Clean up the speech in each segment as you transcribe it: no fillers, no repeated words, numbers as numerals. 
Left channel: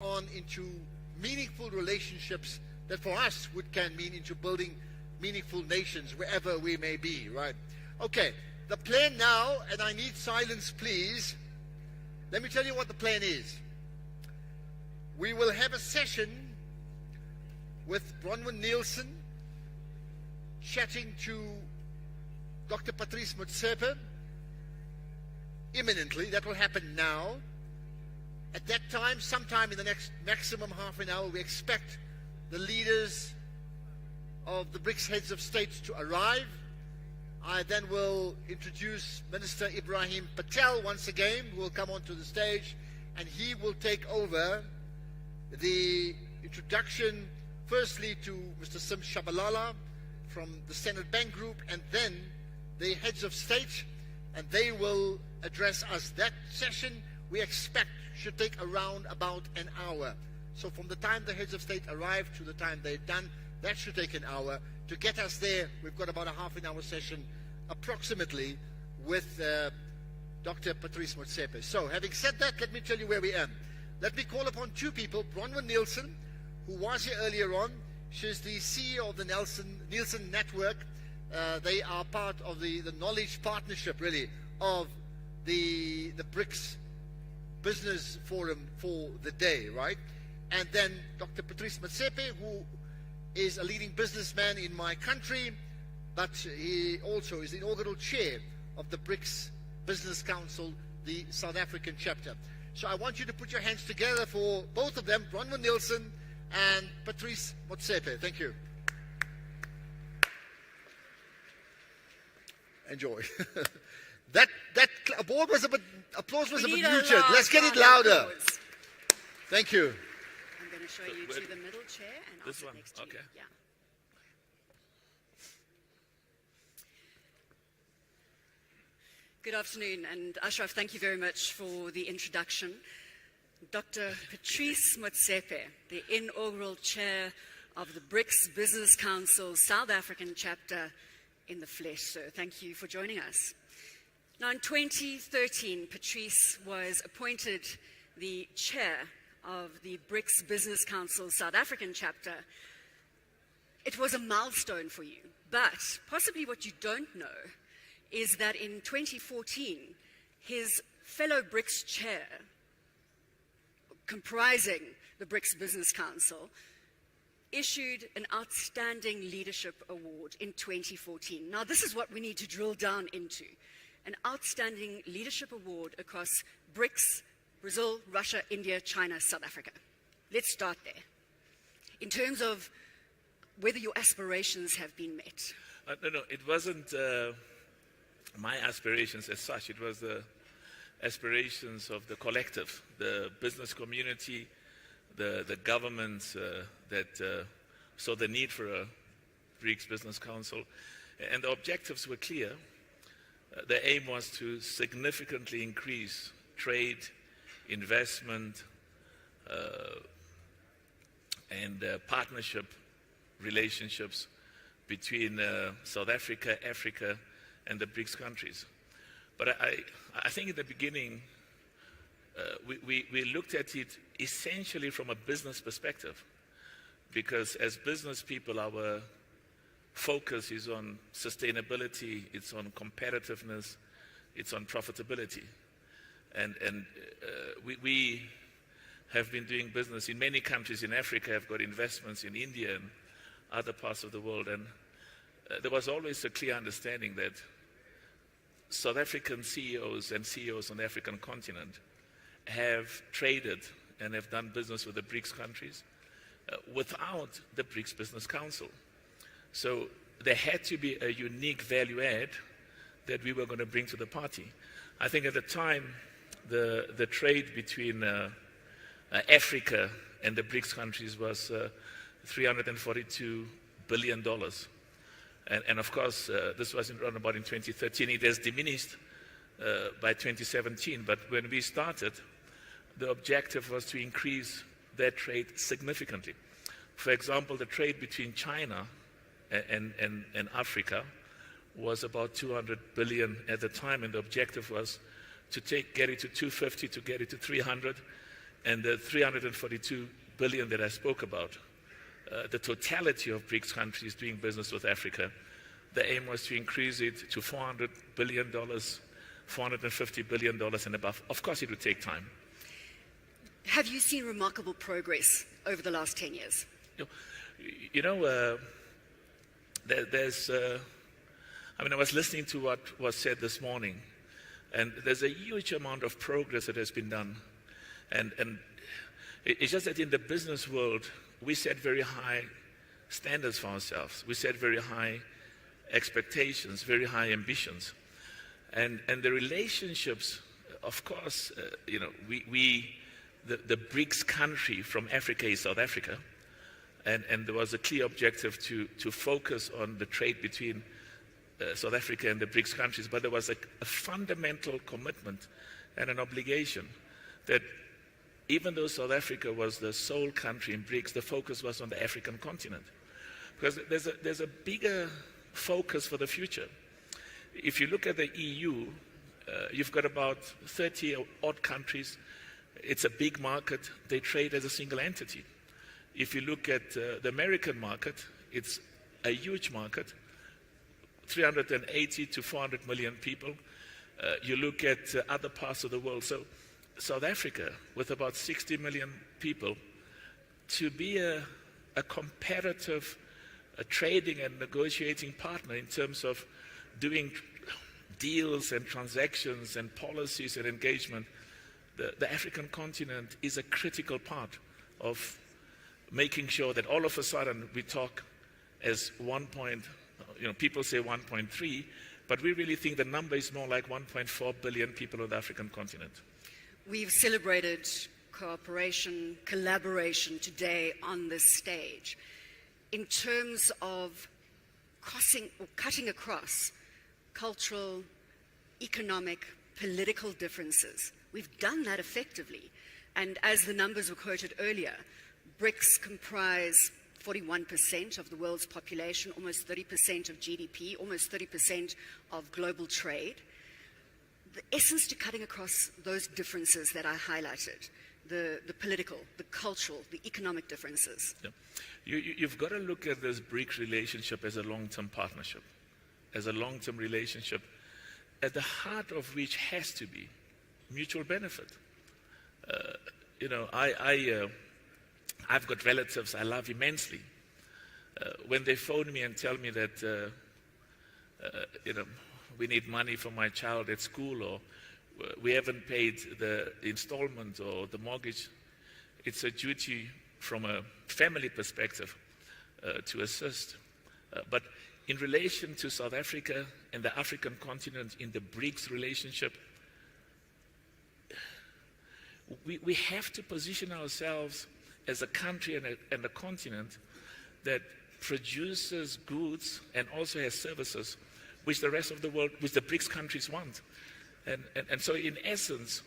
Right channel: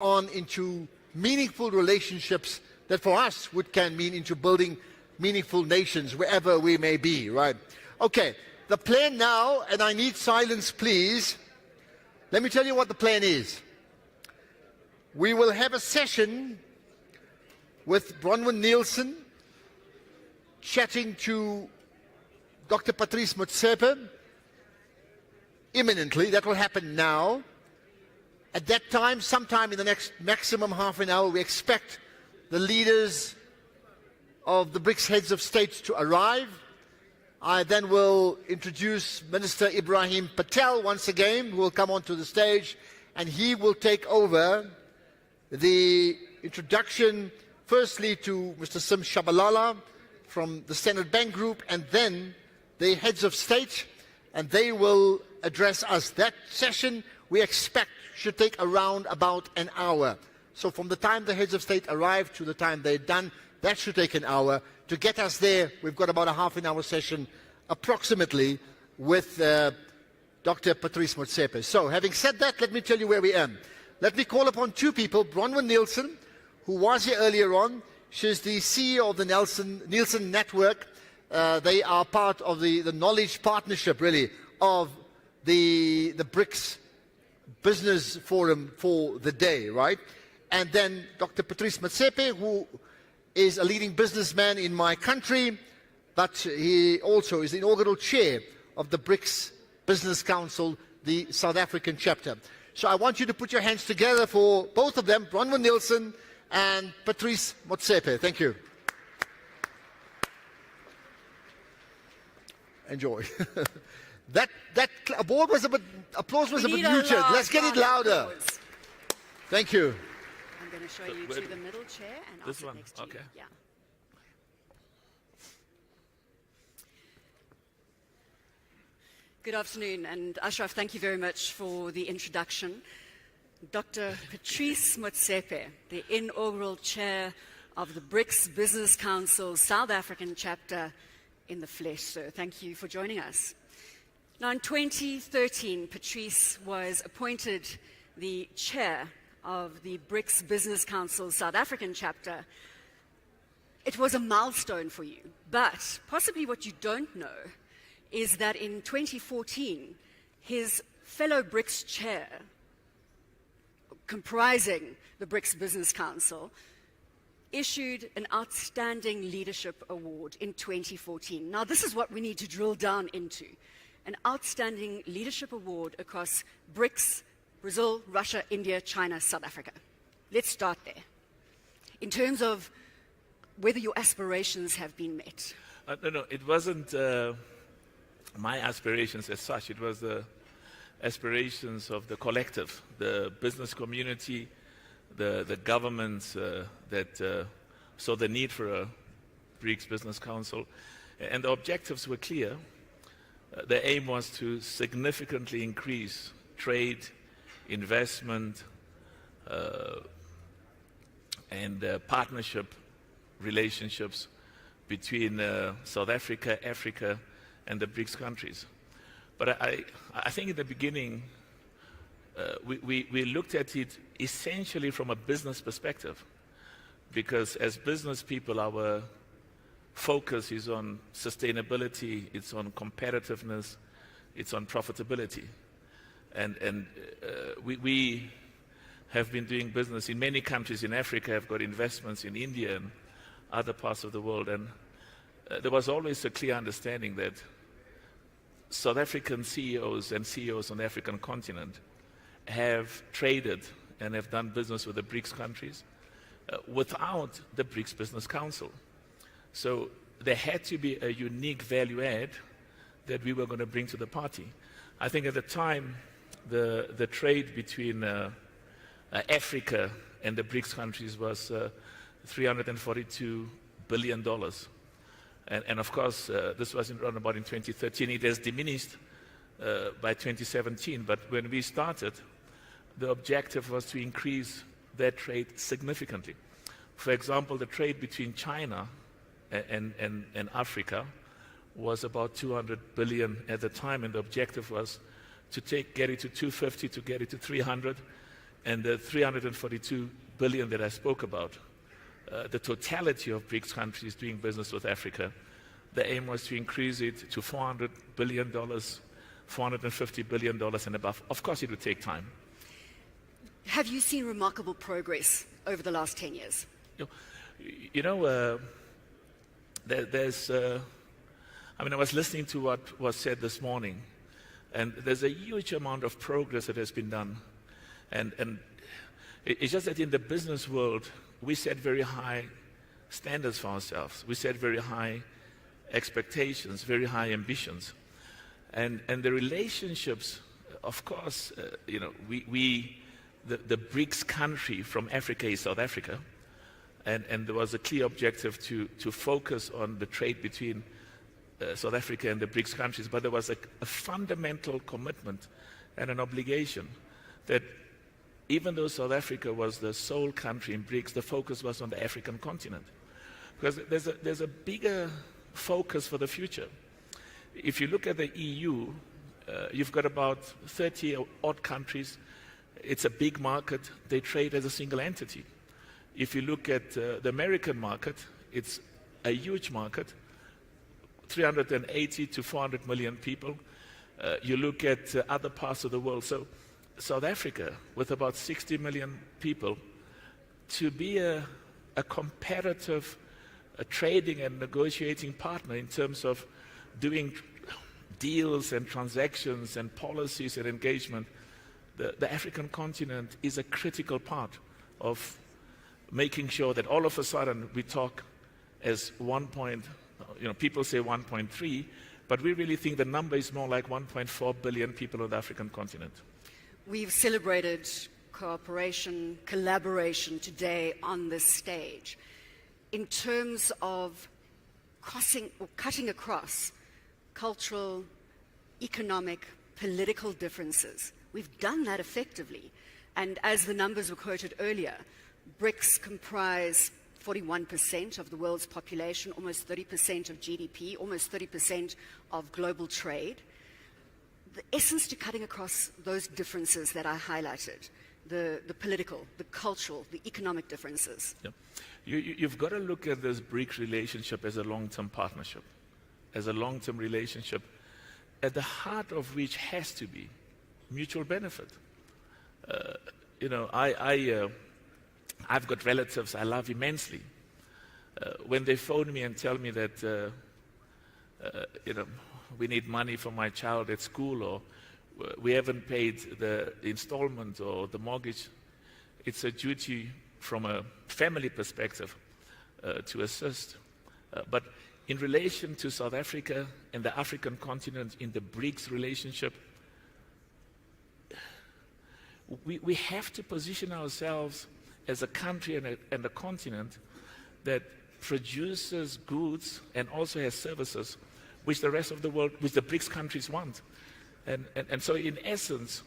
on into meaningful relationships that for us can mean into building meaningful nations wherever we may be, right? Okay, the plan now, and I need silence please. Let me tell you what the plan is. We will have a session with Bronwyn Nielsen chatting to Dr. Patrice Motsepe imminently. That will happen now. At that time, sometime in the next maximum half an hour, we expect the leaders of the BRICS heads of state to arrive. I then will introduce Minister Ibrahim Patel once again, who will come onto the stage, and he will take over the introduction firstly to Mr. Sim Shabalala from the Standard Bank Group, and then the heads of state, and they will address us. That session we expect should take around about an hour. So from the time the heads of state arrive to the time they're done, that should take an hour. To get us there, we've got about a half an hour session approximately with Dr. Patrice Motsepe. So having said that, let me tell you where we are. Let me call upon two people, Bronwyn Nielsen, who was here earlier on. She's the CEO of the Nielsen Network. They are part of the knowledge partnership, really, of the BRICS Business Forum for the day, right? And then Dr. Patrice Motsepe, who is a leading businessman in my country, but he also is the inaugural chair of the BRICS Business Council, the South African chapter. So I want you to put your hands together for both of them, Bronwyn Nielsen and Patrice Motsepe. Thank you. Enjoy. That applause was a bit muted. Let's get it louder. Thank you. I'm going to show you to the middle chair and I'll sit next to you. Yeah. Good afternoon, and Ashraf, thank you very much for the introduction. Dr. Patrice Motsepe, the inaugural chair of the BRICS Business Council South African chapter in the flesh. So thank you for joining us. Now, in 2013, Patrice was appointed the chair of the BRICS Business Council South African chapter. It was a milestone for you, but possibly what you don't know is that in 2014, his fellow BRICS chair, comprising the BRICS Business Council, issued an Outstanding Leadership Award in 2014. Now, this is what we need to drill down into. An Outstanding Leadership Award across BRICS, Brazil, Russia, India, China, South Africa. Let's start there. In terms of whether your aspirations have been met. No, it wasn't my aspirations as such. It was the aspirations of the collective, the business community, the governments that saw the need for a BRICS Business Council. And the objectives were clear. The aim was to significantly increase trade, investment, and partnership relationships between South Africa, Africa, and the BRICS countries. But I think in the beginning, we looked at it essentially from a business perspective, because as business people, our focus is on sustainability, it's on competitiveness, it's on profitability. And we have been doing business in many countries in Africa, have got investments in India and other parts of the world. And there was always a clear understanding that South African CEOs and CEOs on the African continent have traded and have done business with the BRICS countries without the BRICS Business Council. So there had to be a unique value add that we were going to bring to the party. I think at the time, the trade between Africa and the BRICS countries was $342 billion. And of course, this was around about in 2013. It has diminished by 2017. But when we started, the objective was to increase that trade significantly. For example, the trade between China and Africa was about 200 billion at the time, and the objective was to get it to 250, to get it to 300. And the 342 billion that I spoke about, the totality of BRICS countries doing business with Africa, the aim was to increase it to $400 billion, $450 billion and above. Of course, it would take time. Have you seen remarkable progress over the last 10 years? I was listening to what was said this morning, and there's a huge amount of progress that has been done. And it's just that in the business world, we set very high standards for ourselves. We set very high expectations, very high ambitions. And the relationships, of course, the BRICS country from Africa is South Africa. And there was a clear objective to focus on the trade between South Africa and the BRICS countries. But there was a fundamental commitment and an obligation that even though South Africa was the sole country in BRICS, the focus was on the African continent. Because there's a bigger focus for the future. If you look at the EU, you've got about 30 odd countries. It's a big market. They trade as a single entity. If you look at the American market, it's a huge market, 380 to 400 million people. You look at other parts of the world. So South Africa, with about 60 million people, to be a competitive trading and negotiating partner in terms of doing deals and transactions and policies and engagement, the African continent is a critical part of making sure that all of a sudden we talk as people say 1.3, but we really think the number is more like 1.4 billion people on the African continent. We've celebrated cooperation, collaboration today on this stage. In terms of cutting across cultural, economic, political differences, we've done that effectively. And as the numbers were quoted earlier, BRICS comprise 41% of the world's population, almost 30% of GDP, almost 30% of global trade. The essence to cutting across those differences that I highlighted, the political, the cultural, the economic differences. Yeah. You've got to look at this BRICS relationship as a long-term partnership, as a long-term relationship, at the heart of which has to be mutual benefit. I've got relatives I love immensely. When they phone me and tell me that, we need money for my child at school, or we haven't paid the installment or the mortgage, it's a duty from a family perspective to assist. But in relation to South Africa and the African continent in the BRICS relationship, we have to position ourselves as a country and a continent that produces goods and also has services which the rest of the world, which the BRICS countries want. And so in essence,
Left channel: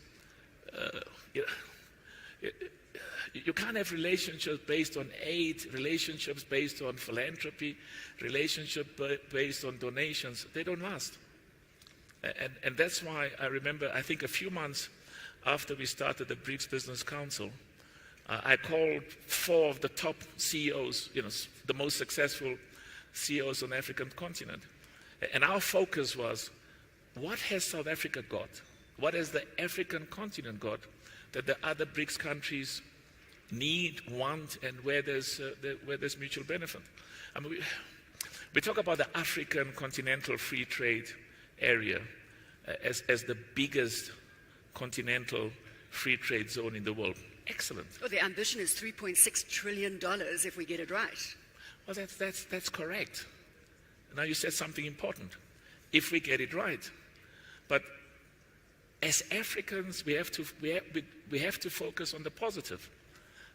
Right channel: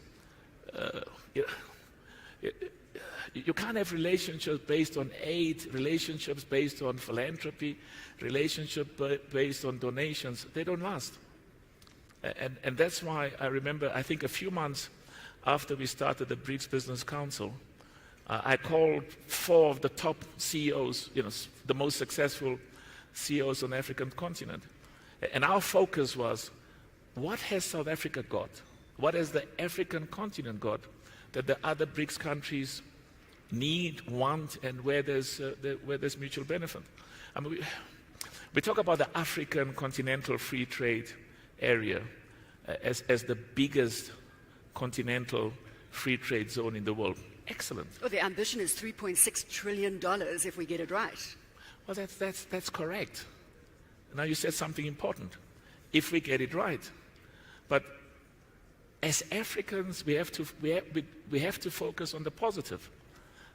you can't have relationships based on aid, relationships based on philanthropy, relationships based on donations. They don't last. And that's why I remember, I think a few months after we started the BRICS Business Council, I called 4 of the top CEOs, the most successful CEOs on the African continent. And our focus was, what has South Africa got? What has the African continent got that the other BRICS countries need, want, and where there's mutual benefit? I mean, we talk about the African continental free trade area as the biggest continental free trade zone in the world. Excellent. Well, the ambition is $3.6 trillion if we get it right. Well, that's correct. Now you said something important. If we get it right. But as Africans, we have to focus on the positive.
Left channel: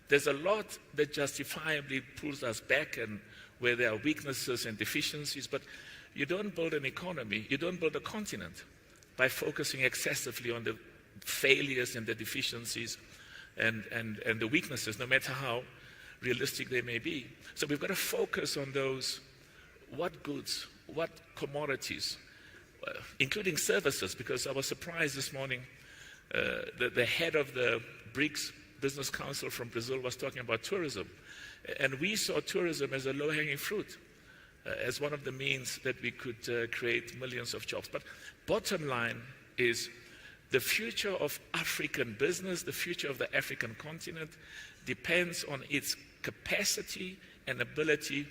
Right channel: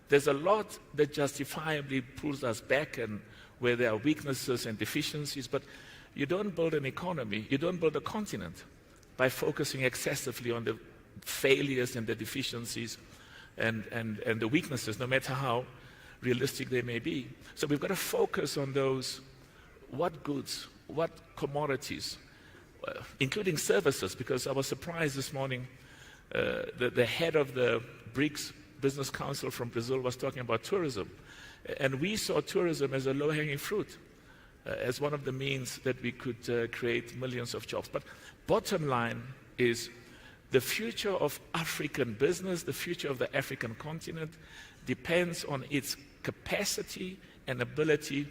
There's a lot that justifiably pulls us back and where there are weaknesses and deficiencies, but you don't build an economy, you don't build a continent by focusing excessively on the failures and the deficiencies and the weaknesses, no matter how realistic they may be. So we've got to focus on those, what goods, what commodities, including services, because I was surprised this morning, the head of the BRICS Business Council from Brazil was talking about tourism. And we saw tourism as a low-hanging fruit, as one of the means that we could create millions of jobs. But bottom line is the future of African business, the future of the African continent, depends on its capacity and ability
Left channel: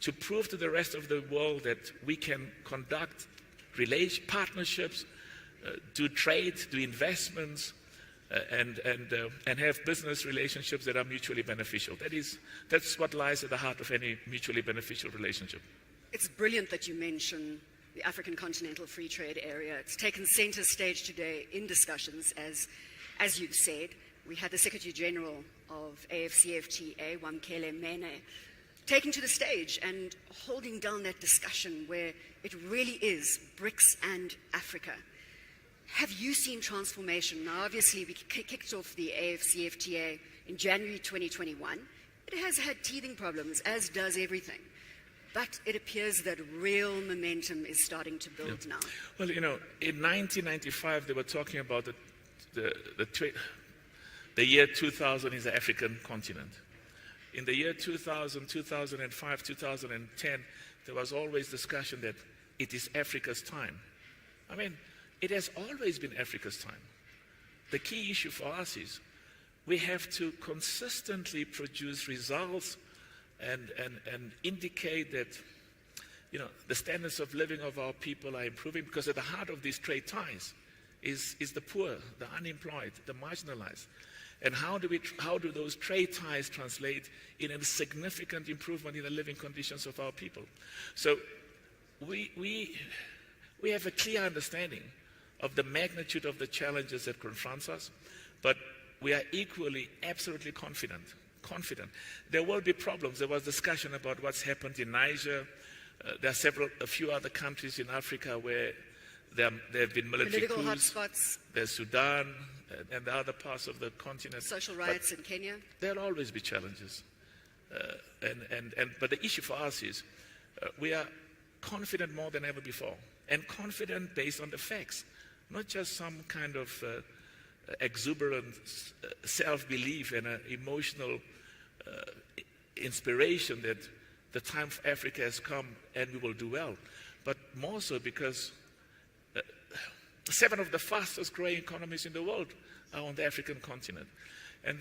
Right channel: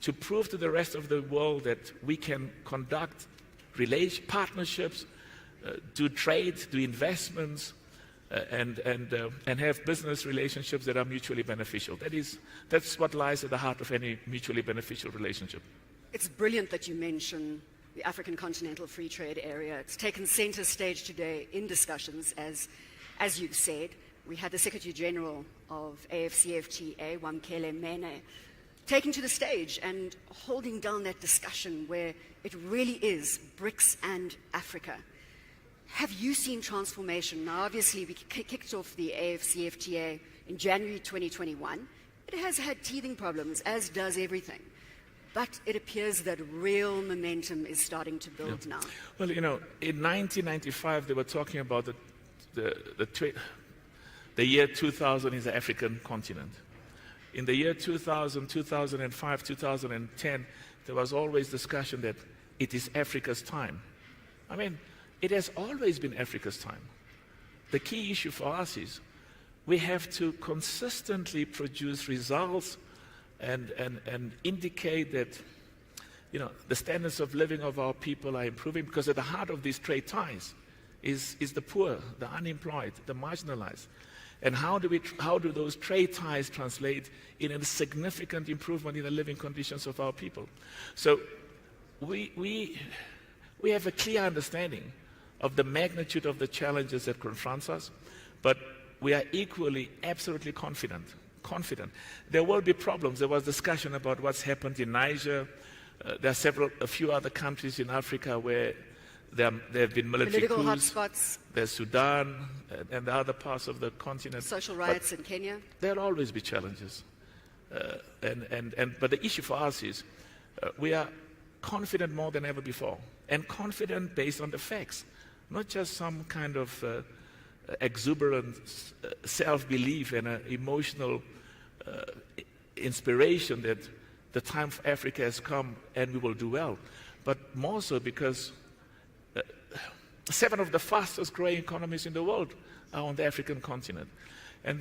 to prove to the rest of the world that we can conduct partnerships, do trade, do investments, and have business relationships that are mutually beneficial. That's what lies at the heart of any mutually beneficial relationship. It's brilliant that you mention the African Continental Free Trade Area. It's taken center stage today in discussions, as you've said. We had the Secretary General of AFCFTA, Wamkele Mene, taking to the stage and holding down that discussion where it really is BRICS and Africa. Have you seen transformation? Now, obviously, we kicked off the AFCFTA in January 2021. It has had teething problems, as does everything. But it appears that real momentum is starting to build now. Well, in 1995, they were talking about the year 2000 is the African continent. In the year 2000, 2005, 2010, there was always discussion that it is Africa's time. I mean, it has always been Africa's time. The key issue for us is we have to consistently produce results and indicate that the standards of living of our people are improving, because at the heart of these trade ties is the poor, the unemployed, the marginalized. And how do those trade ties translate in a significant improvement in the living conditions of our people? So we have a clear understanding of the magnitude of the challenges that confronts us, but we are equally absolutely confident. There will be problems. There was discussion about what's happened in Niger. There are a few other countries in Africa where there have been military political coups. hotspots. There's Sudan and the other parts of the continent. Social riots in Kenya. There'll always be challenges. But the issue for us is we are confident more than ever before, and confident based on the facts, not just some kind of exuberant self-belief and emotional inspiration that the time for Africa has come and we will do well, but more so because 7 of the fastest growing economies in the world are on the African continent. And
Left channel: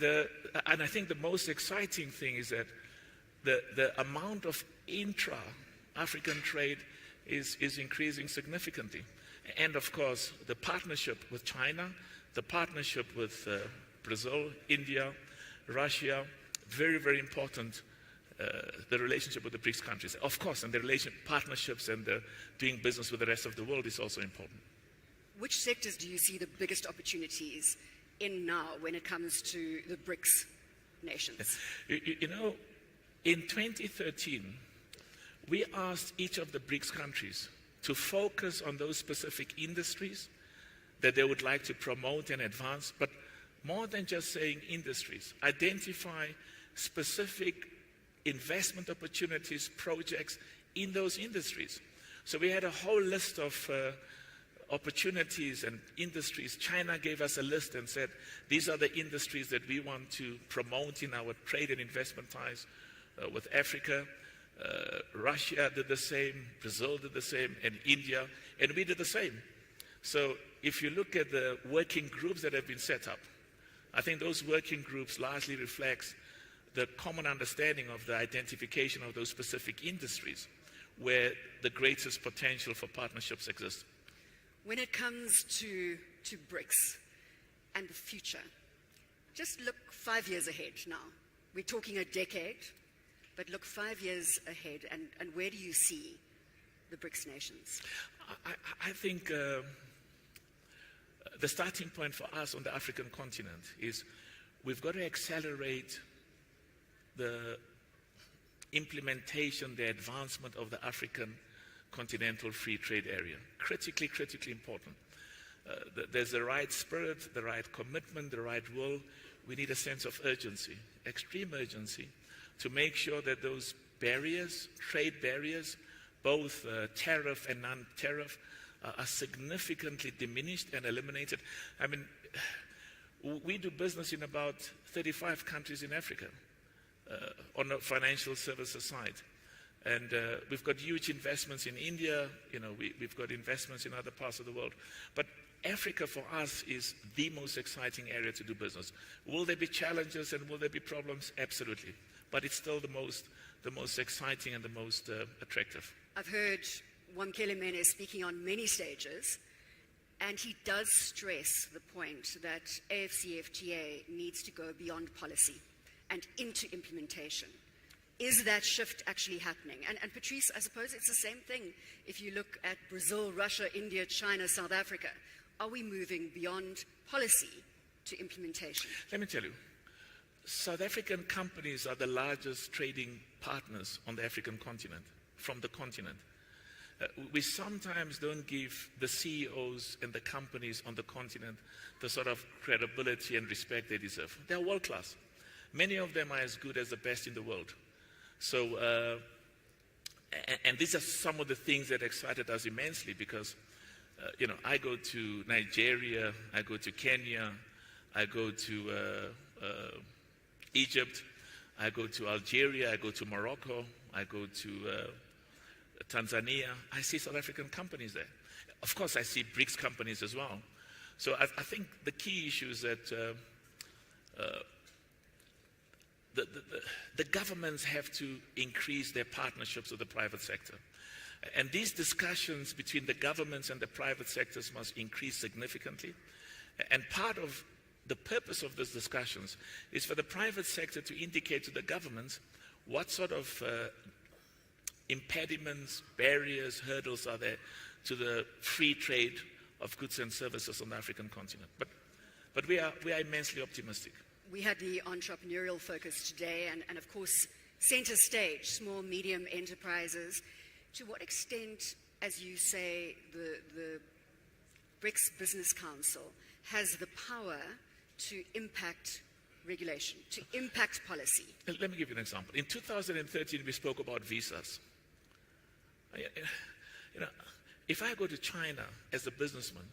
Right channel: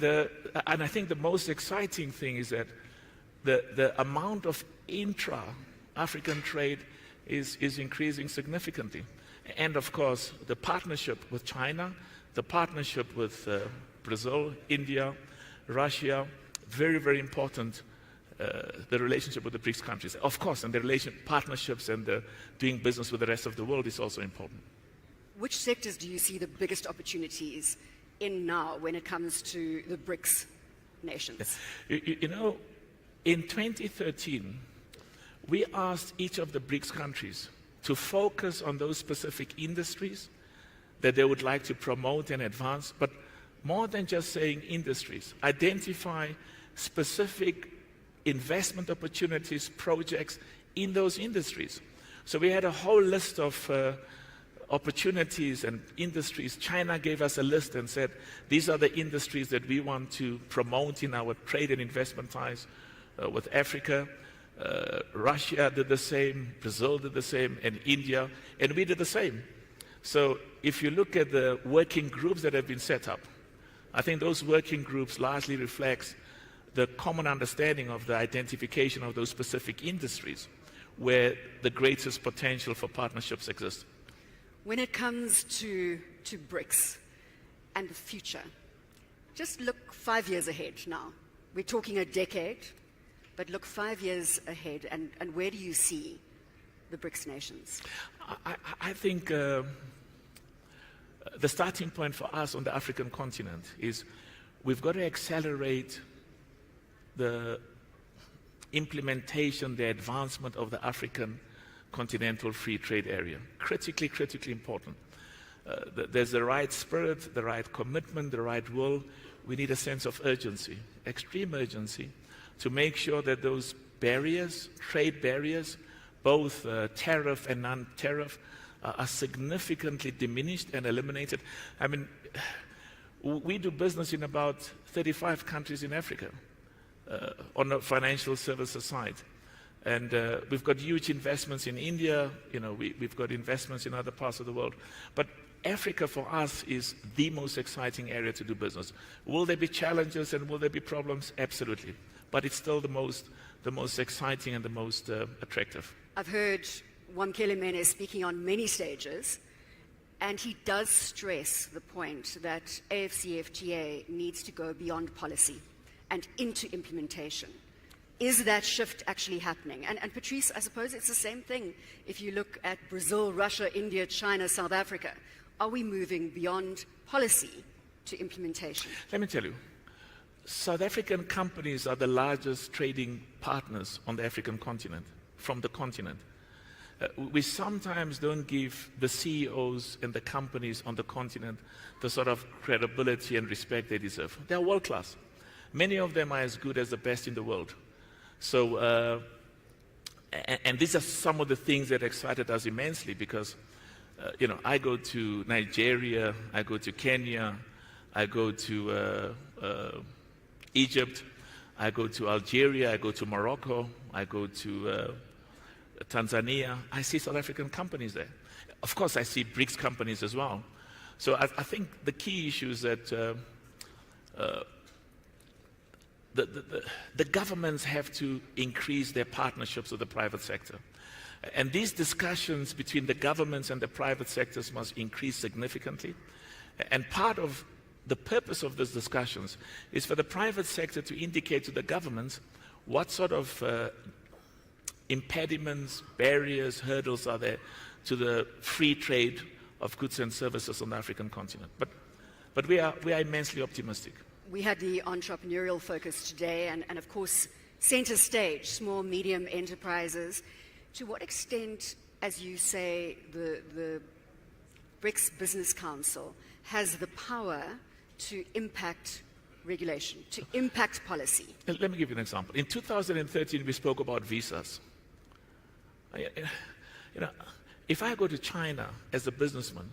I think the most exciting thing is that the amount of intra-African trade is increasing significantly. And of course, the partnership with China, the partnership with Brazil, India, Russia, very, very important, the relationship with the BRICS countries. Of course, and the partnerships and doing business with the rest of the world is also important. Which sectors do you see the biggest opportunities in now when it comes to the BRICS nations? In 2013, we asked each of the BRICS countries to focus on those specific industries that they would like to promote and advance, but more than just saying industries, identify specific investment opportunities, projects in those industries. So we had a whole list of opportunities and industries. China gave us a list and said, these are the industries that we want to promote in our trade and investment ties with Africa. Russia did the same, Brazil did the same, and India, and we did the same. So if you look at the working groups that have been set up, I think those working groups largely reflects the common understanding of the identification of those specific industries where the greatest potential for partnerships exists. When it comes to BRICS and the future, just look 5 years ahead now. We're talking a decade, but look 5 years ahead, and where do you see the BRICS nations? I think the starting point for us on the African continent is we've got to accelerate the implementation, the advancement of the African continental free trade area. Critically important. There's the right spirit, the right commitment, the right will. We need a sense of urgency, extreme urgency, to make sure that those barriers, trade barriers, both tariff and non-tariff, are significantly diminished and eliminated. I mean, we do business in about 35 countries in Africa on the financial services side. And we've got huge investments in India, we've got investments in other parts of the world. But Africa for us is the most exciting area to do business. Will there be challenges and will there be problems? Absolutely. But it's still the most exciting and the most attractive. I've heard Wamkele Mene speaking on many stages, and he does stress the point that AFCFTA needs to go beyond policy and into implementation. Is that shift actually happening? And Patrice, I suppose it's the same thing if you look at Brazil, Russia, India, China, South Africa. Are we moving beyond policy to implementation? Let me tell you, South African companies are the largest trading partners on the African continent, from the continent. We sometimes don't give the CEOs and the companies on the continent the sort of credibility and respect they deserve. They are world class. Many of them are as good as the best in the world. So, and these are some of the things that excited us immensely because, I go to Nigeria, I go to Kenya, I go to Egypt, I go to Algeria, I go to Morocco, I go to Tanzania. I see South African companies there. Of course, I see BRICS companies as well. So I think the key issue is that the governments have to increase their partnerships with the private sector. And these discussions between the governments and the private sectors must increase significantly. And part of the purpose of these discussions is for the private sector to indicate to the governments what sort of impediments, barriers, hurdles are there to the free trade of goods and services on the African continent. But we are immensely optimistic. We had the entrepreneurial focus today, and of course, center stage, small, medium enterprises. To what extent, as you say, the BRICS Business Council has the power to impact regulation, to impact policy? Let me give you an example. In 2013, we spoke about visas. If I go to China as a businessman,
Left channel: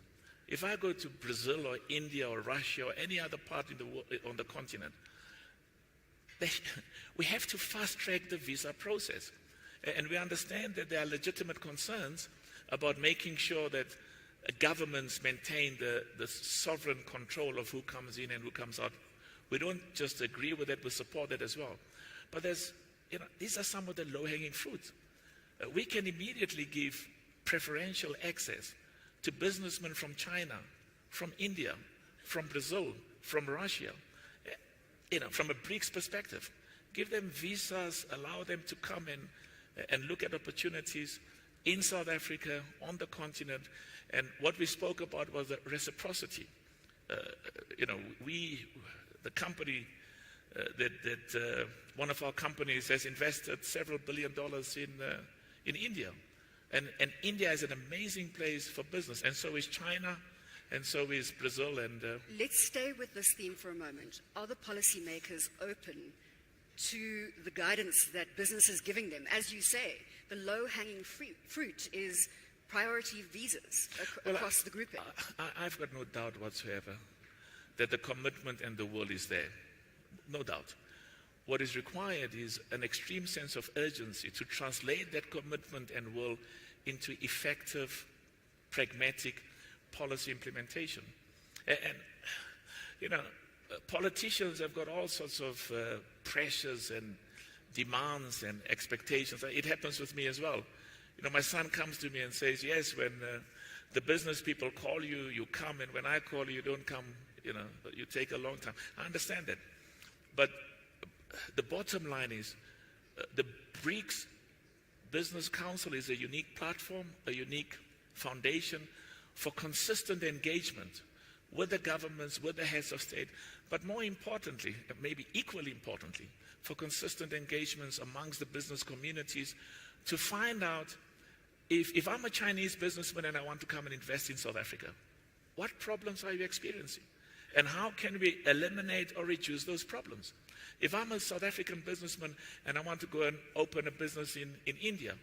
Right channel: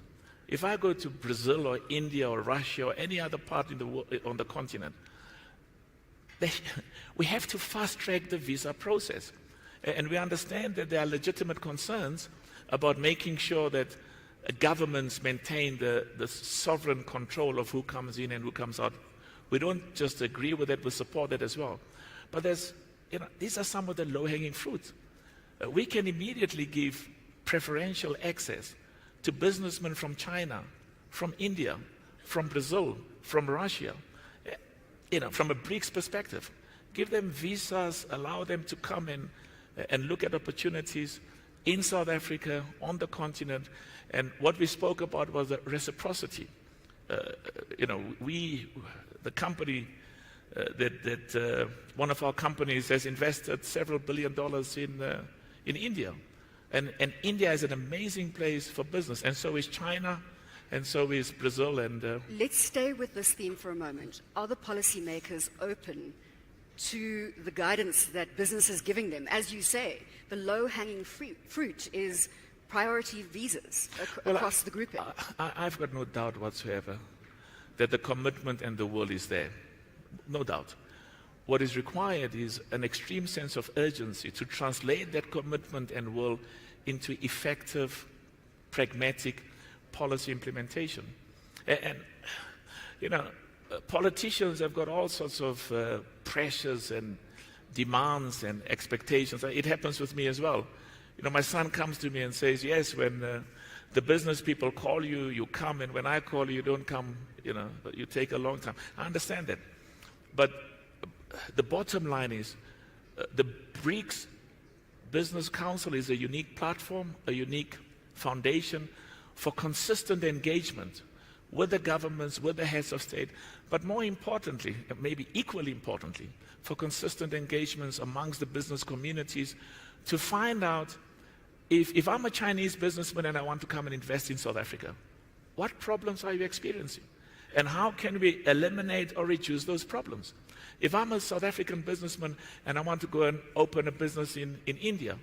if I go to Brazil or India or Russia or any other part in the world, on the continent, we have to fast-track the visa process. And we understand that there are legitimate concerns about making sure that governments maintain the sovereign control of who comes in and who comes out. We don't just agree with it, we support it as well. But these are some of the low-hanging fruits. We can immediately give preferential access to businessmen from China, from India, from Brazil, from Russia, from a BRICS perspective. Give them visas, allow them to come in and look at opportunities in South Africa, on the continent. And what we spoke about was the reciprocity. The company one of our companies has invested several $billion in India. And India is an amazing place for business, and so is China, and so is Brazil. And let's stay with this theme for a moment. Are the policymakers open to the guidance that business is giving them? As you say, the low-hanging fruit is priority visas across the grouping. I've got no doubt whatsoever that the commitment and the will is there. No doubt. What is required is an extreme sense of urgency to translate that commitment and will into effective, pragmatic policy implementation. And politicians have got all sorts of pressures and demands and expectations. It happens with me as well. My son comes to me and says, yes, when the business people call you, you come, and when I call you, you don't come, you take a long time. I understand that. But the bottom line is the BRICS Business Council is a unique platform, a unique foundation for consistent engagement with the governments, with the heads of state, but more importantly, maybe equally importantly, for consistent engagements amongst the business communities to find out if I'm a Chinese businessman and I want to come and invest in South Africa, what problems are you experiencing? And how can we eliminate or reduce those problems? If I'm a South African businessman and I want to go and open a business in India,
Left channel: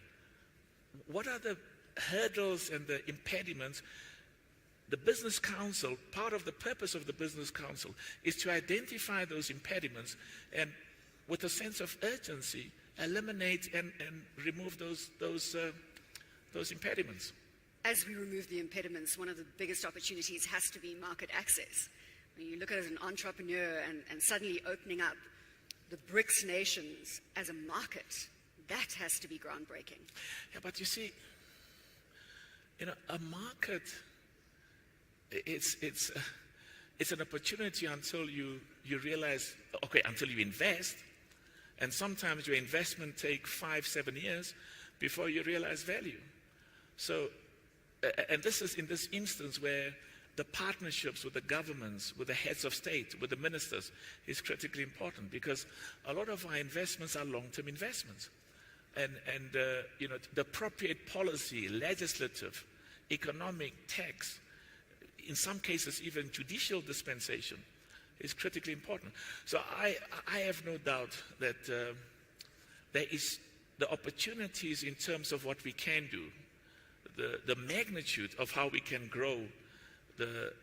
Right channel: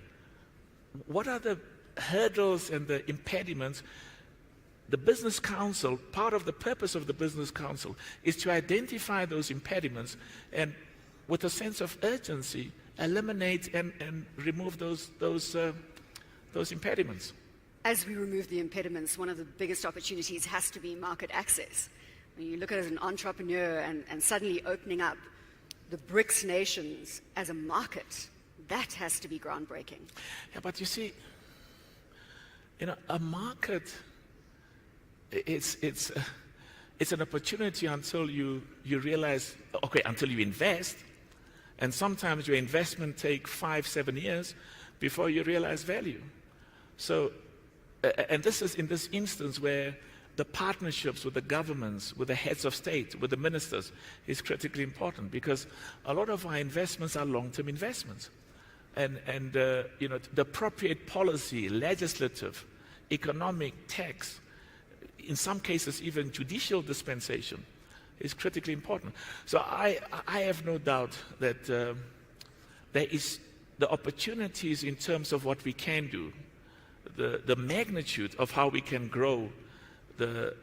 what are the hurdles and the impediments the Business Council, part of the purpose of the Business Council is to identify those impediments and with a sense of urgency, eliminate and remove those impediments. As we remove the impediments, one of the biggest opportunities has to be market access. When you look at it as an entrepreneur and suddenly opening up the BRICS nations as a market, that has to be groundbreaking. Yeah, but you see, a market, it's an opportunity until you realize, okay, until you invest, and sometimes your investment takes 5-7 years before you realize value. So, and this is in this instance where the partnerships with the governments, with the heads of state, with the ministers is critically important, because a lot of our investments are long-term investments. And the appropriate policy, legislative, economic, tax, in some cases even judicial dispensation is critically important. So I have no doubt that there is the opportunities in terms of what we can do, the magnitude of how we can grow the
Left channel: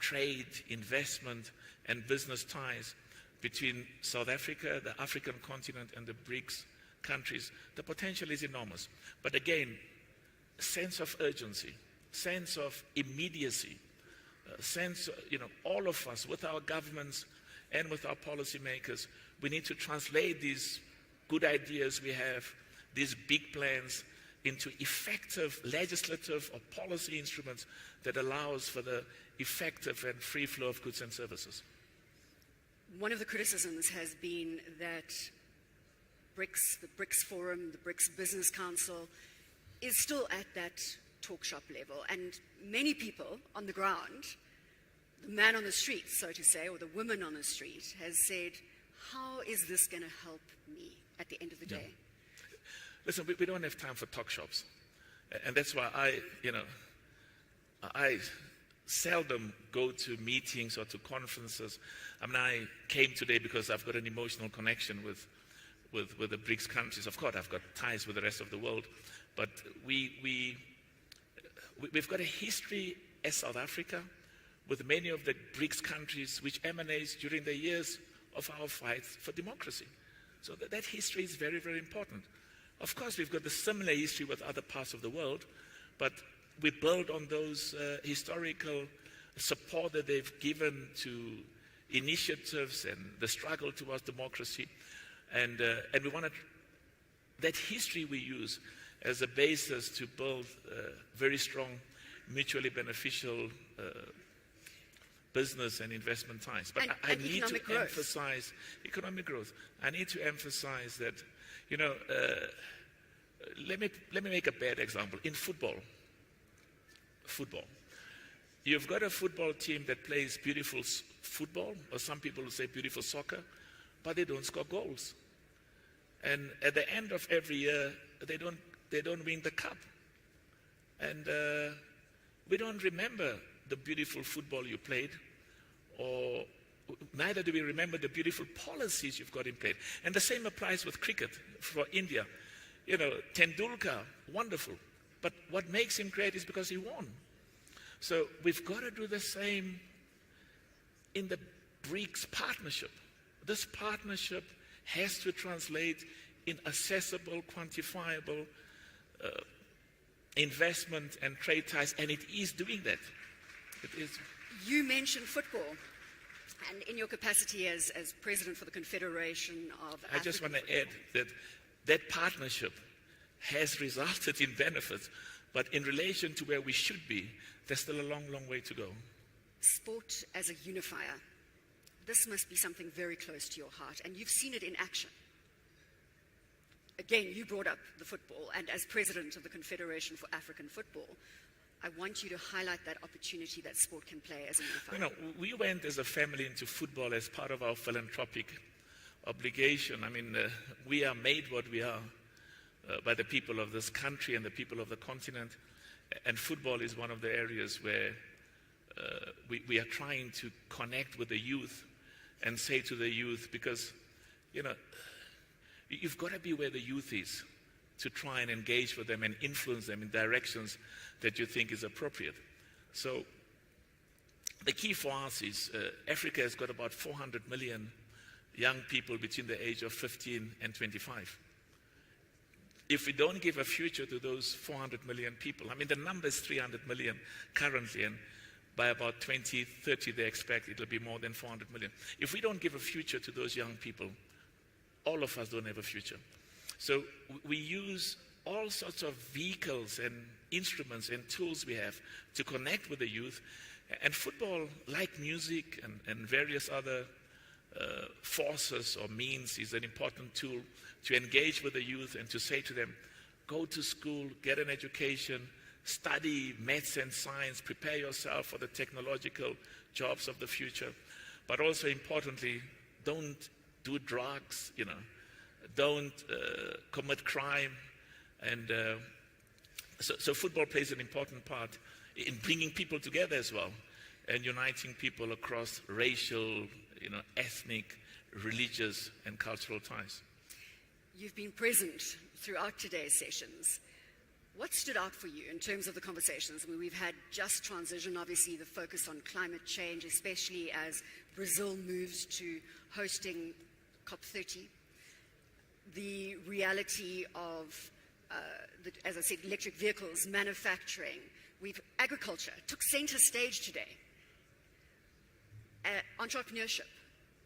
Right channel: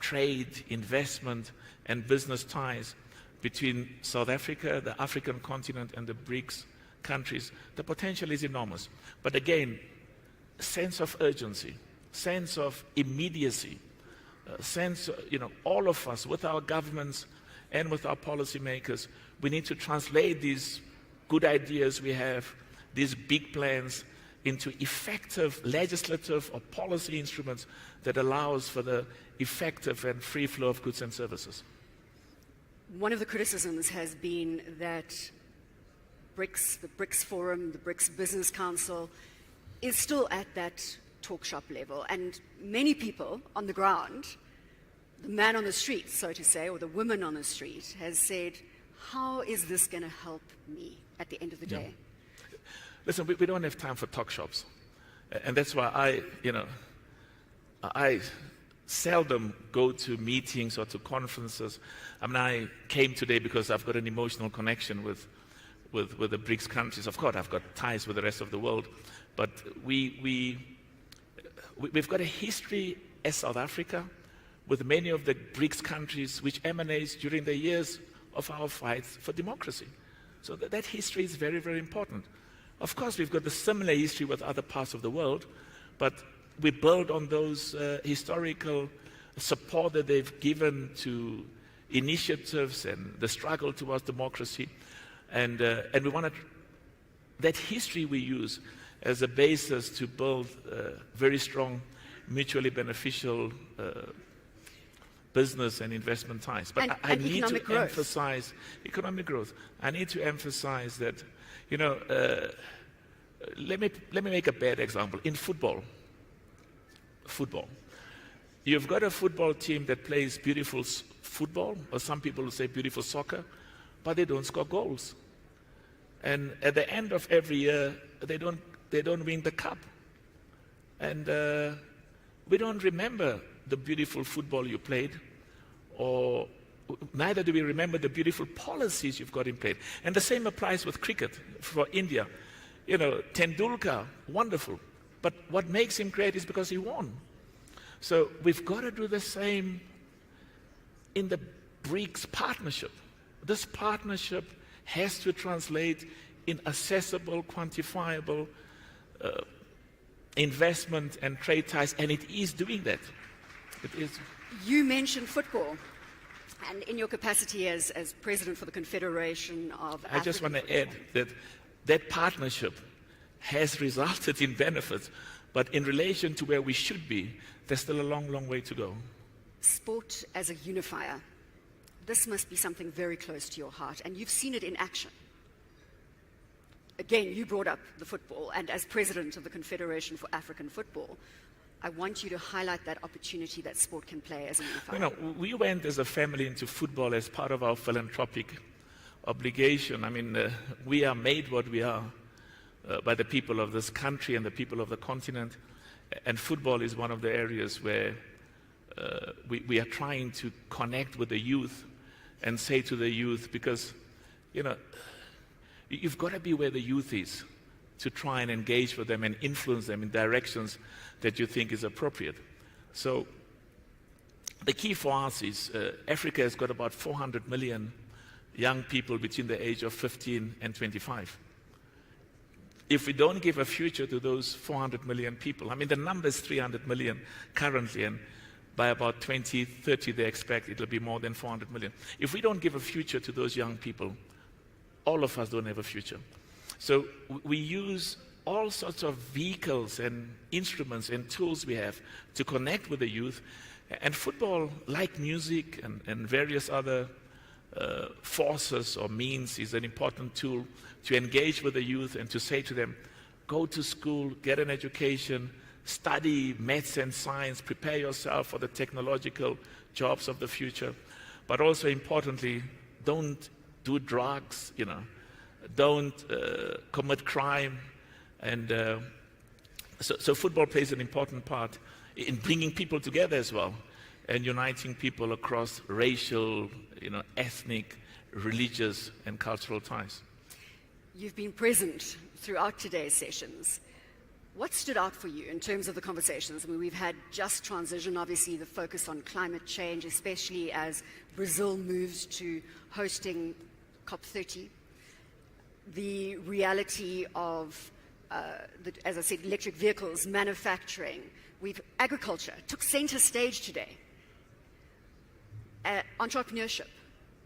trade, investment, and business ties between South Africa, the African continent, and the BRICS countries. The potential is enormous. But again, sense of urgency, sense of immediacy, sense, all of us, with our governments and with our policymakers, we need to translate these good ideas we have, these big plans, into effective legislative or policy instruments that allows for the effective and free flow of goods and services. One of the criticisms has been that BRICS, the BRICS Forum, the BRICS Business Council, is still at that talk shop level. And many people on the ground, the man on the street, so to say, or the woman on the street, has said, how is this going to help me at the end of the day? Listen, we don't have time for talk shops. And that's why I seldom go to meetings or to conferences. I mean, I came today because I've got an emotional connection with the BRICS countries. Of course, I've got ties with the rest of the world. But we've got a history as South Africa with many of the BRICS countries which emanates during the years of our fights for democracy. So that history is very, very important. Of course, we've got the similar history with other parts of the world, but we build on those historical support that they've given to initiatives and the struggle towards democracy. And we want that history we use as a basis to build very strong, mutually beneficial business and investment ties. But I need to emphasize economic growth. I need to emphasize that, let me make a bad example. In football, you've got a football team that plays beautiful football, or some people will say beautiful soccer, but they don't score goals. And at the end of every year, they don't win the cup. And we don't remember the beautiful football you played, or neither do we remember the beautiful policies you've got in place. And the same applies with cricket for India. Tendulkar, wonderful. But what makes him great is because he won. So we've got to do the same in the BRICS partnership. This partnership has to translate in accessible, quantifiable investment and trade ties, and it is doing that. It is. You mentioned football, and in your capacity as President for the Confederation of African I just want to add that partnership has resulted in benefits, but in relation to where we should be, there's still a long, long way to go. Sport as a unifier. This must be something very close to your heart, and you've seen it in action. Again, you brought up the football, and as President of the Confederation for African Football, I want you to highlight that opportunity that sport can play as a unifier. We went as a family into football as part of our philanthropic obligation. I mean, we are made what we are by the people of this country and the people of the continent, and football is one of the areas where we are trying to connect with the youth and say to the youth, because, you've got to be where the youth is to try and engage with them and influence them in directions that you think is appropriate. So the key for us is Africa has got about 400 million young people between the age of 15 and 25. If we don't give a future to those 400 million people, I mean, the number is 300 million currently, and by about 2030, they expect it'll be more than 400 million. If we don't give a future to those young people, all of us don't have a future. So we use all sorts of vehicles and instruments and tools we have to connect with the youth. And football, like music and various other forces or means, is an important tool to engage with the youth and to say to them, go to school, get an education, study maths and science, prepare yourself for the technological jobs of the future. But also importantly, don't do drugs, don't commit crime. And so football plays an important part in bringing people together as well and uniting people across racial, ethnic, religious, and cultural ties. You've been present throughout today's sessions. What stood out for you in terms of the conversations? I mean, we've had just transition, obviously the focus on climate change, especially as Brazil moves to hosting COP30. The reality of, as I said, electric vehicles, manufacturing. Agriculture took center stage today. Entrepreneurship,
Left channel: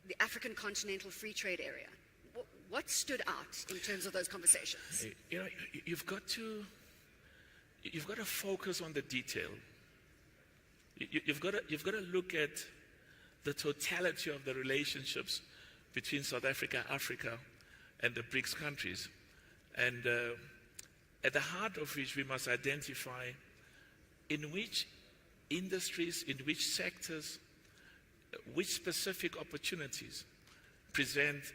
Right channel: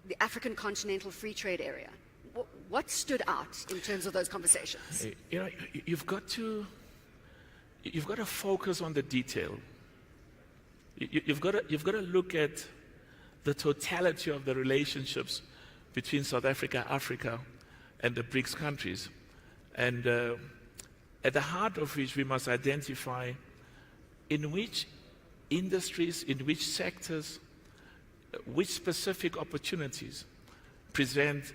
the African Continental Free Trade Area. What stood out in terms of those conversations? You've got to focus on the detail. You've got to look at the totality of the relationships between South Africa, Africa, and the BRICS countries. And at the heart of which we must identify in which industries, in which sectors, which specific opportunities present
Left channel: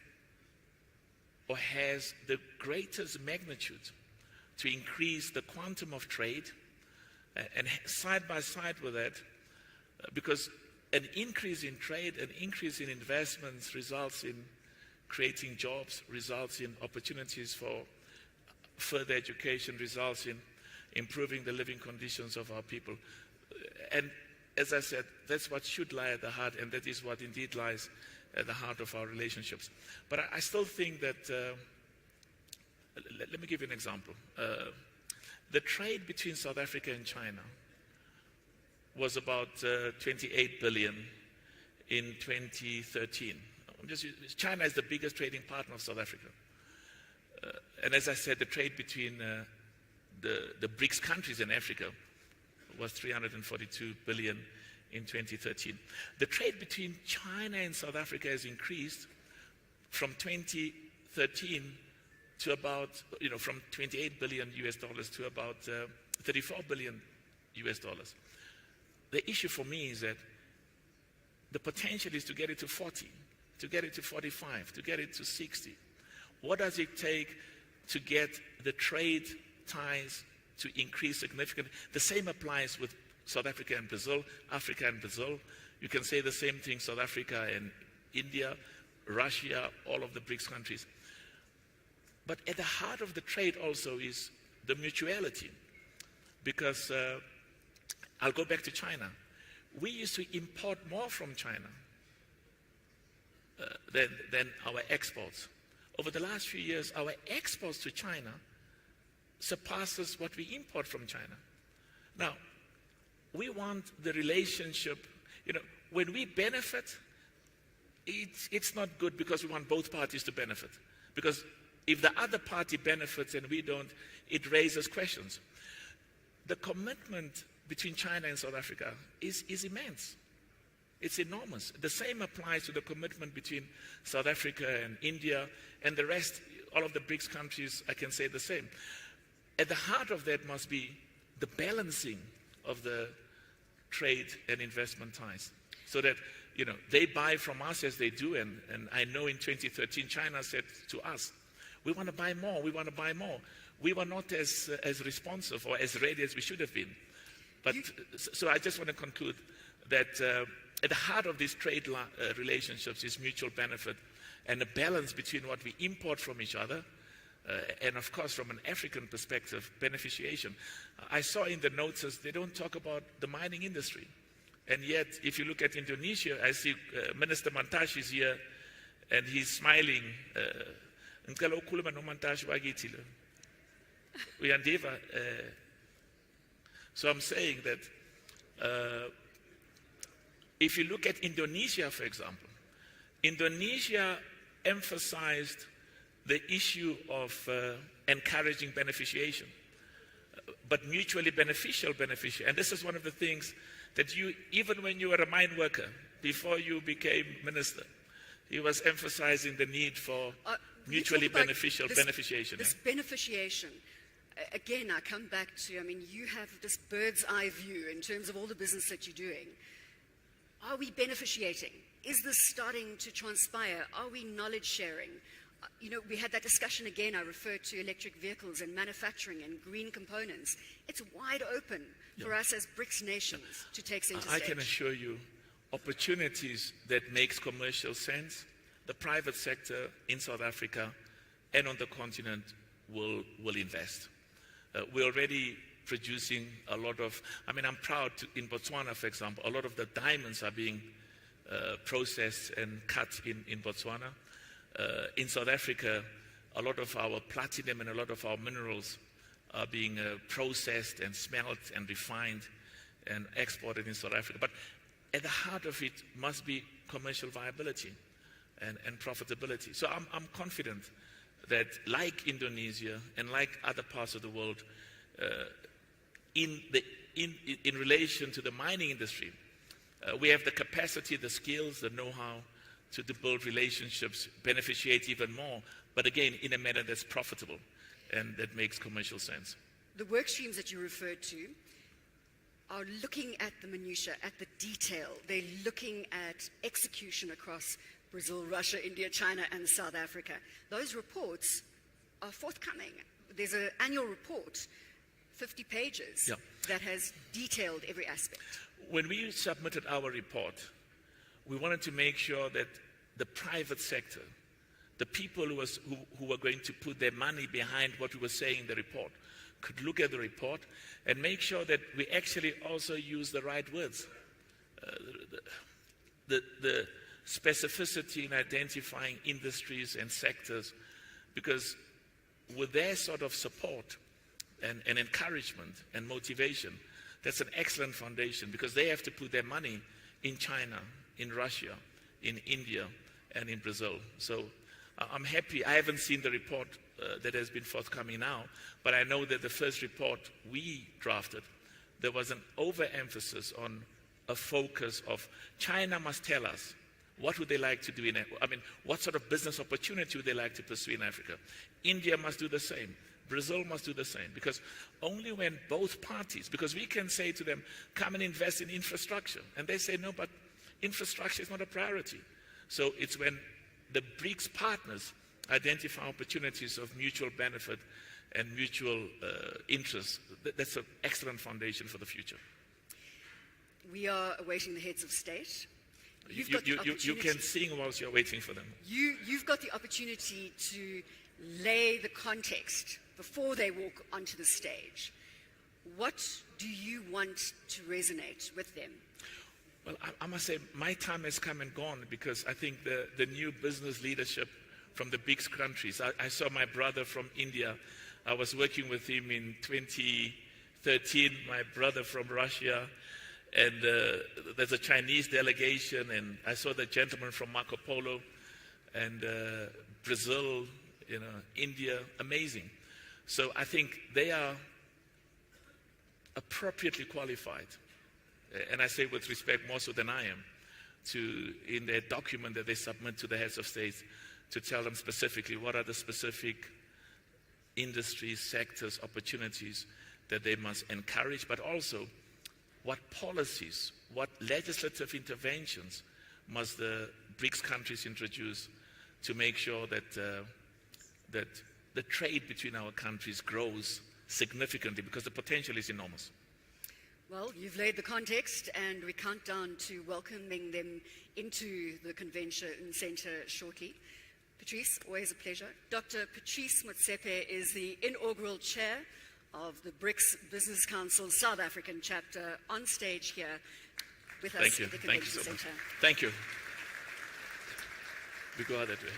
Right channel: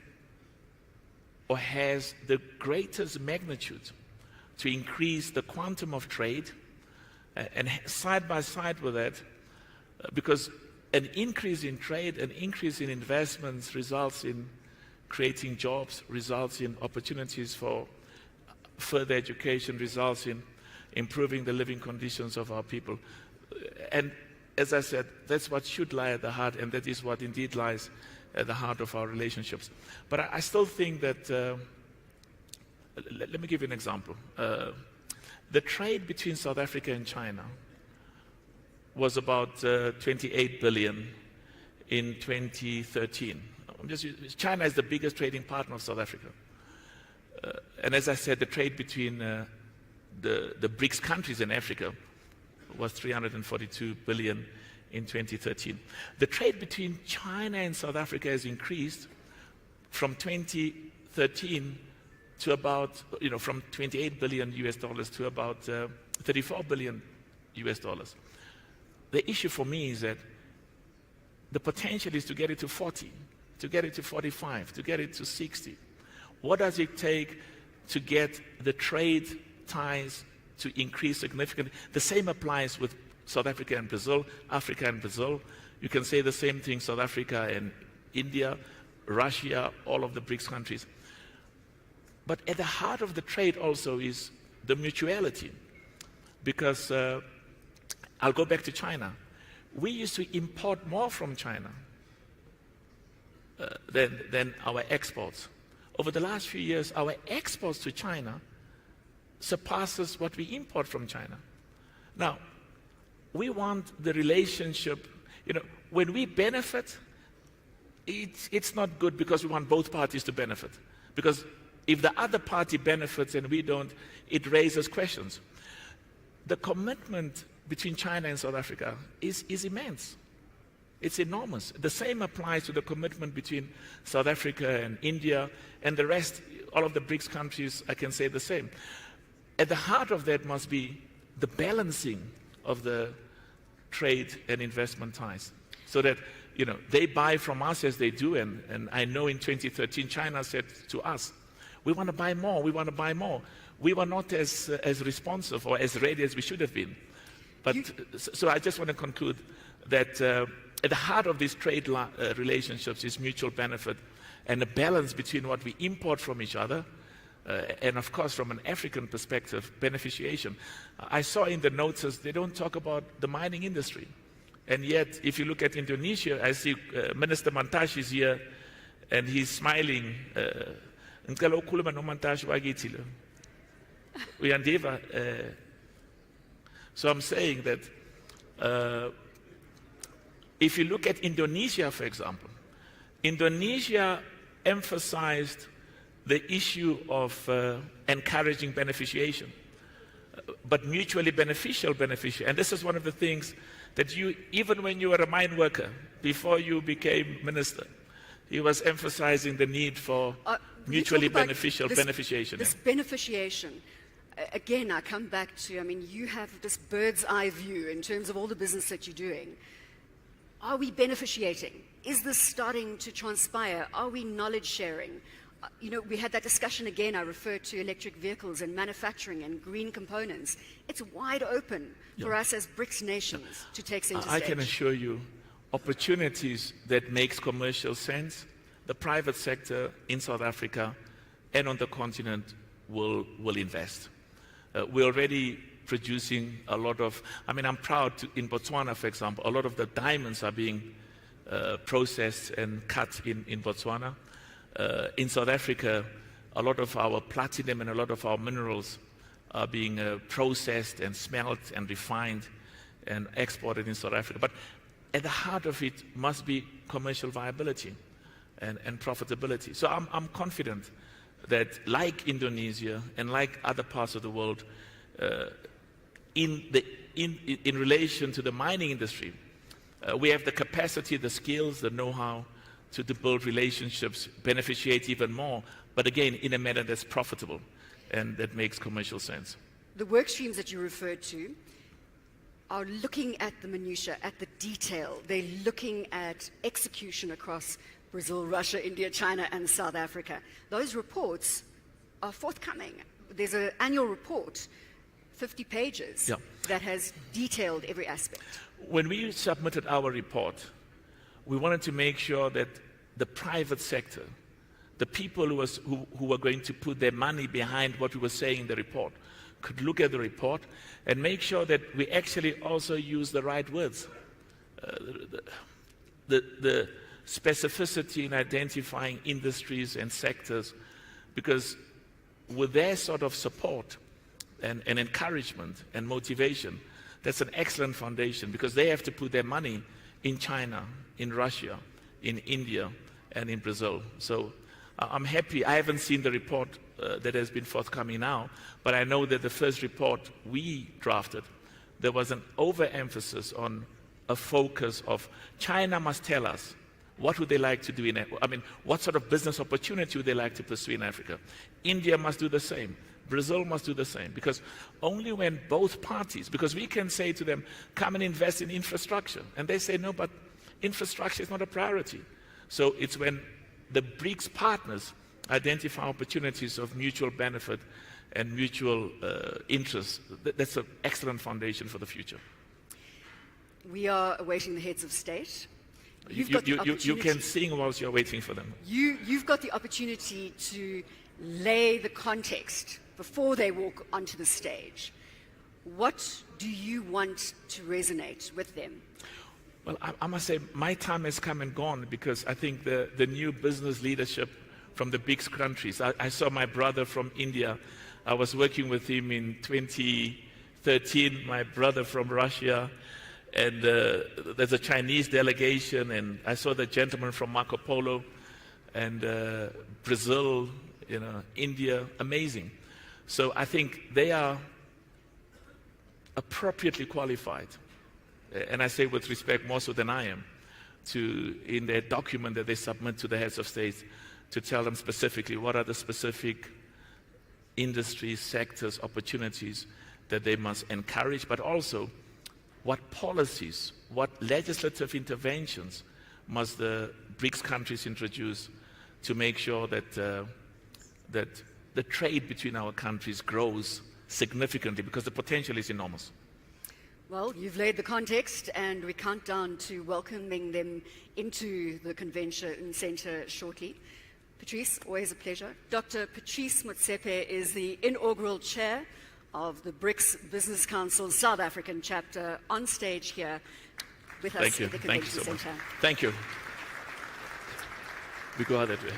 or has the greatest magnitude to increase the quantum of trade, and side by side with that, because an increase in trade, an increase in investments results in creating jobs, results in opportunities for further education, results in improving the living conditions of our people. And as I said, that's what should lie at the heart, and that is what indeed lies at the heart of our relationships. But I still think that, let me give you an example. The trade between South Africa and China was about 28 billion in 2013. China is the biggest trading partner of South Africa. And as I said, the trade between the BRICS countries in Africa was 342 billion in 2013. The trade between China and South Africa has increased from 2013 to about, from 28 billion US dollars to about 34 billion US dollars. The issue for me is that the potential is to get it to 40, to get it to 45, to get it to 60. What does it take to get the trade ties to increase significantly? The same applies with South Africa and Brazil, Africa and Brazil. You can say the same thing, South Africa and India, Russia, all of the BRICS countries. But at the heart of the trade also is the mutuality. Because I'll go back to China. We used to import more from China than our exports. Over the last few years, our exports to China surpasses what we import from China. Now, we want the relationship, when we benefit, it's not good because we want both parties to benefit. Because if the other party benefits and we don't, it raises questions. The commitment between China and South Africa is immense. It's enormous. The same applies to the commitment between South Africa and India and the rest, all of the BRICS countries, I can say the same. At the heart of that must be the balancing of the trade and investment ties, so that they buy from us as they do, and I know in 2013 China said to us, we want to buy more, we want to buy more. We were not as responsive or as ready as we should have been. But so I just want to conclude that at the heart of these trade relationships is mutual benefit and a balance between what we import from each other and of course from an African perspective, beneficiation. I saw in the notes they don't talk about the mining industry. And yet, if you look at Indonesia, I see Minister Mantash is here, and he's smiling. Ngicela ukukhuluma noMantash wakithi lo. Uyandiva? So I'm saying that if you look at Indonesia, for example, Indonesia emphasized the issue of encouraging beneficiation, but mutually beneficial beneficiation. And this is one of the things that you, even when you were a mine worker, before you became minister, he was emphasizing the need for mutually beneficial beneficiation. This beneficiation, again, I come back to, I mean, you have this bird's eye view in terms of all the business that you're doing. Are we beneficiating? Is this starting to transpire? Are we knowledge sharing? You know, we had that discussion again. I referred to electric vehicles and manufacturing and green components. It's wide open for us as BRICS nations to take center stage. I can assure you, opportunities that makes commercial sense, the private sector in South Africa and on the continent will invest. We're already producing a lot of, I mean, I'm proud to, in Botswana, for example, a lot of the diamonds are being processed and cut in Botswana. In South Africa, a lot of our platinum and a lot of our minerals are being processed and smelt and refined and exported in South Africa. But at the heart of it must be commercial viability and profitability. So I'm confident that, like Indonesia and like other parts of the world, in relation to the mining industry, we have the capacity, the skills, the know-how to build relationships, beneficiate even more, but again, in a manner that's profitable and that makes commercial sense. The work streams that you referred to are looking at the minutiae, at the detail. They're looking at execution across Brazil, Russia, India, China, and South Africa. Those reports are forthcoming. There's an annual report, 50 pages, that has detailed every aspect. When we submitted our report, we wanted to make sure that the private sector, the people who were going to put their money behind what we were saying in the report, could look at the report and make sure that we actually also use the right words. The specificity in identifying industries and sectors, because with their sort of support and encouragement and motivation, that's an excellent foundation, because they have to put their money in China, in Russia, in India, and in Brazil. So I'm happy. I haven't seen the report that has been forthcoming now, but I know that the first report we drafted, there was an overemphasis on a focus of China must tell us what would they like to do in Africa. I mean, what sort of business opportunity would they like to pursue in Africa? India must do the same. Brazil must do the same, because only when both parties, because we can say to them, come and invest in infrastructure, and they say, no, but infrastructure is not a priority. So it's when the BRICS partners identify opportunities of mutual benefit and mutual interest. That's an excellent foundation for the future. We are awaiting the heads of state. You can sing whilst you're waiting for them. You've got the opportunity to lay the context before they walk onto the stage. What do you want to resonate with them? Well, I must say my time has come and gone, because I think the new business leadership from the BRICS countries, I saw my brother from India. I was working with him in 2013, my brother from Russia, and there's a Chinese delegation, and I saw the gentleman from Marco Polo, and Brazil, India, amazing. So I think they are appropriately qualified, and I say with respect more so than I am, in their document that they submit to the heads of states, to tell them specifically what are the specific industries, sectors, opportunities that they must encourage, but also what policies, what legislative interventions must the BRICS countries introduce to make sure that the trade between our countries grows significantly, because the potential is enormous. Well, you've laid the context, and we count down to welcoming them into the convention center shortly. Patrice, always a pleasure. Dr. Patrice Motsepe is the inaugural chair of the BRICS Business Council South African chapter, on stage here. with us Thank you. at the Thank you Convention so much. Center. Thank you. We go out that way.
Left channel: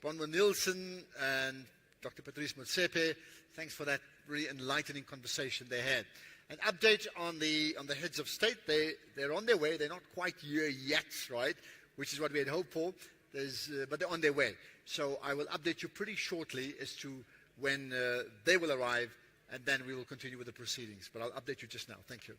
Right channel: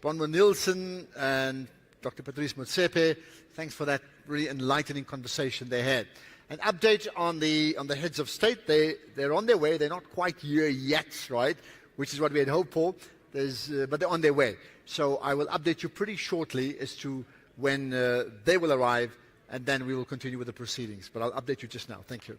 Bronwyn Nielsen and Dr. Patrice Motsepe, thanks for that really enlightening conversation they had. An update on the heads of state. They're on their way. They're not quite here yet, right? Which is what we had hoped for. But they're on their way. So I will update you pretty shortly as to when they will arrive, and then we will continue with the proceedings. But I'll update you just now. Thank you.